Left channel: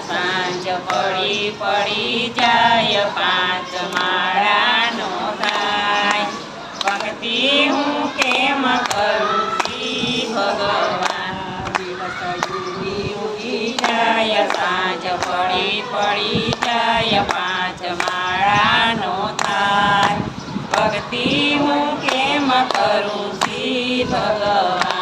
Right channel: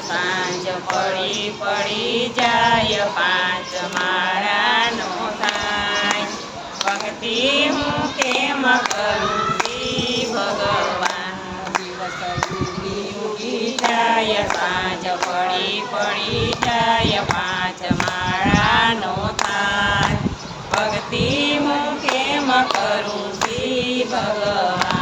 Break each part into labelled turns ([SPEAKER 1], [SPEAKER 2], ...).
[SPEAKER 1] સાંજ પડી પડી જાય, પાંચ માળાનો થાય. ભક્તિ હું કેમ કરું ભગવાન? દિવસ યુગી ઉગી જાય, સાંજ પડી પડી જાય, પાંચ માળાનો થાય. ભક્તિ હું કેમ કરું શ્રી ભગવાન?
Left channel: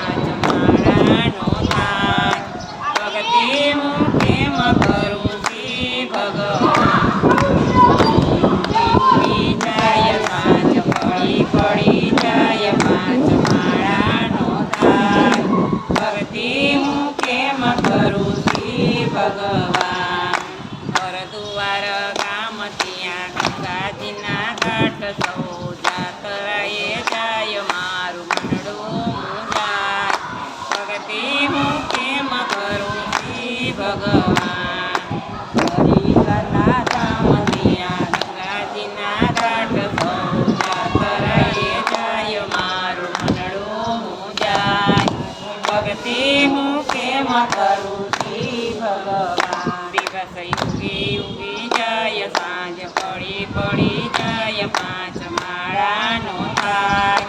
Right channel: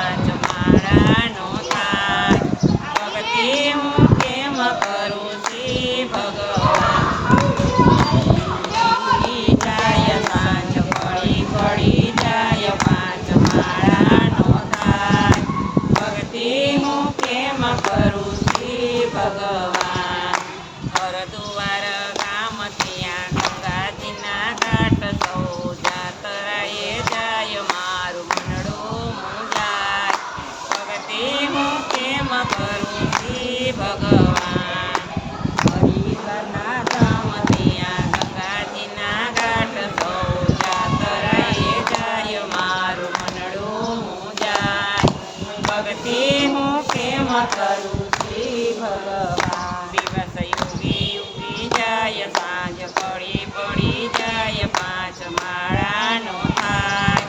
[SPEAKER 1] કરું શ્રી ભગવાન દિવસ યુગી યુગી જાય સાંજ પડી પડી જાય પાંચ માળાનો થાય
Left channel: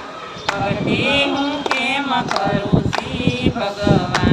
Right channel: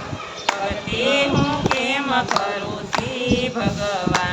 [SPEAKER 1] ભક્તિ હું કેમ કરું શ્રી ભગવાન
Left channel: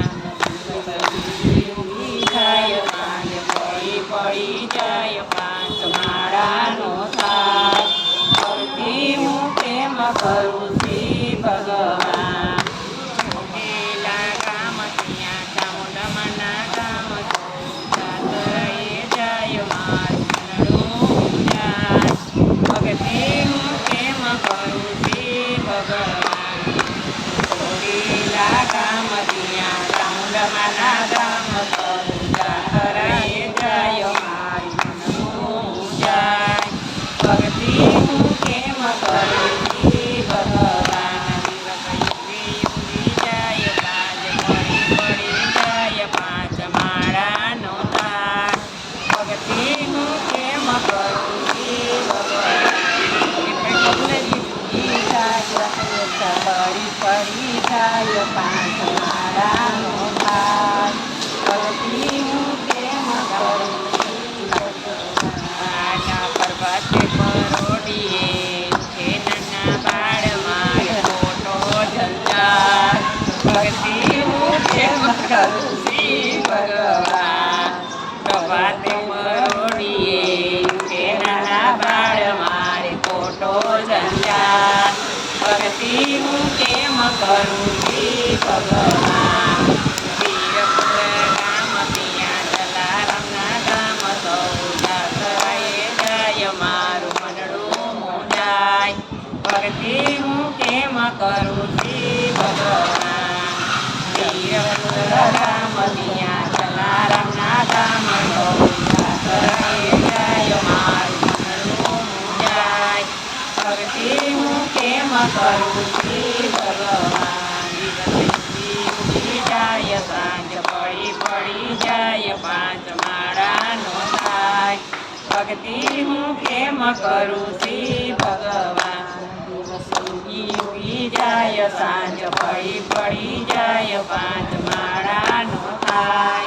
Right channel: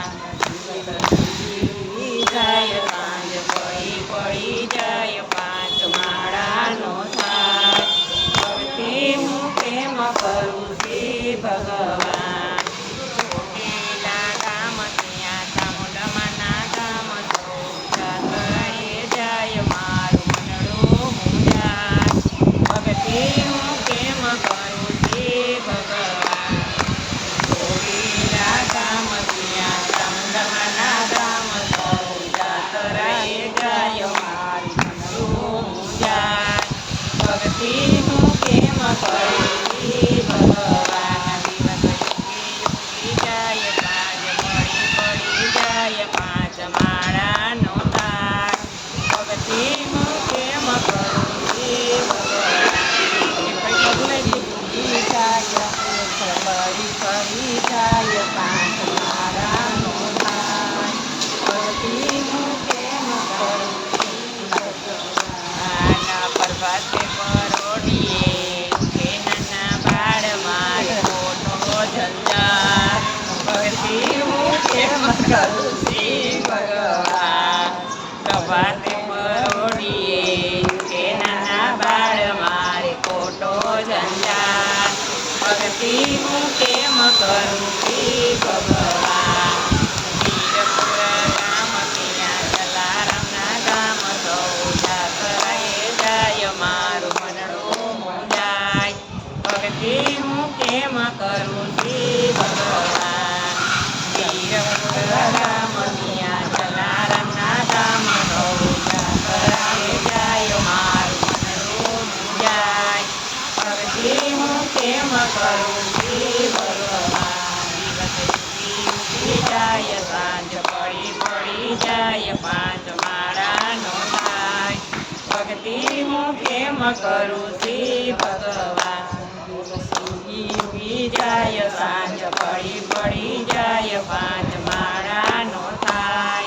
[SPEAKER 1] જાય પાંચ તાર ભક્તિ હું કેમ કરું શ્રી પર્વતે પરોડીએ ઉઠે નાના બાળ મારે ખોટો જંજાર ભક્તિ હું કેમ કરું શ્રી ભગવાન. મારે ખોટો જંજાર ભક્તિ હું કેમ કરું શ્રી ભગવાન વીરપુર ગામ ત્યાં જલારામના ગામ સૌ જાતરાએ જાય મારું મનડું મુંજાય ભક્તિ હું કેમ કરું શ્રી ભગવાન વીરપુર ગામ ત્યાં જલારામના ગામ સૌ જાતરાએ જાય મારું મનડું મુંજાય ભક્તિ હું કેમ કરું શ્રી ભગવાન દિવસ યુગી યુગી જાય સાંજ પડી પડી જાય પાંચ માળાનો થાય ભક્તિ હું કેમ કરું શ્રી ભગવાન. જાય સાંજ પડી પડી જાય પાંચ માળાનો થાય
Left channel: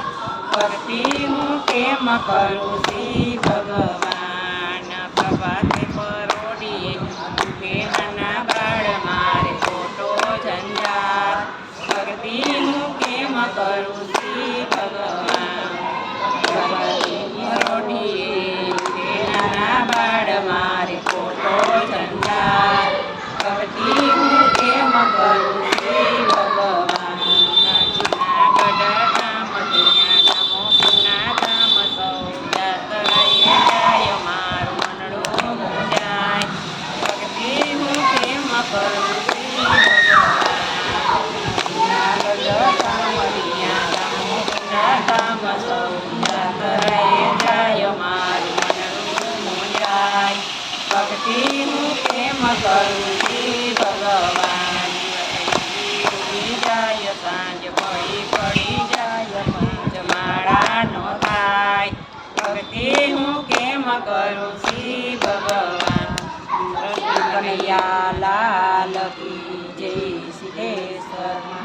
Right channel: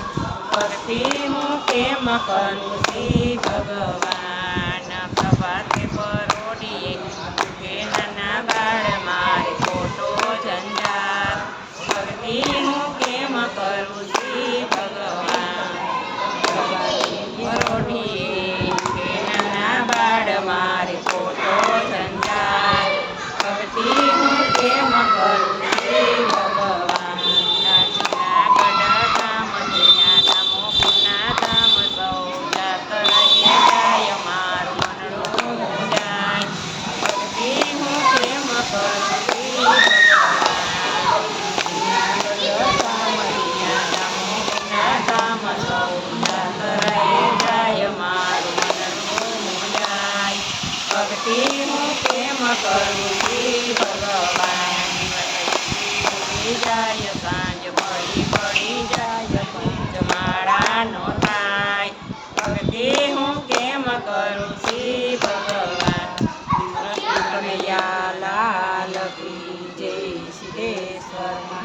[SPEAKER 1] ભક્તિ હું કેમ કરું શ્રી ભગવાન પ્રભાતે પરોડીએ ખોટો જંજાર ભક્તિ હું કેમ કરું શ્રી ભગવાન.
[SPEAKER 2] કનૈયા લાલ કી જય સિદ્ધેશ્વર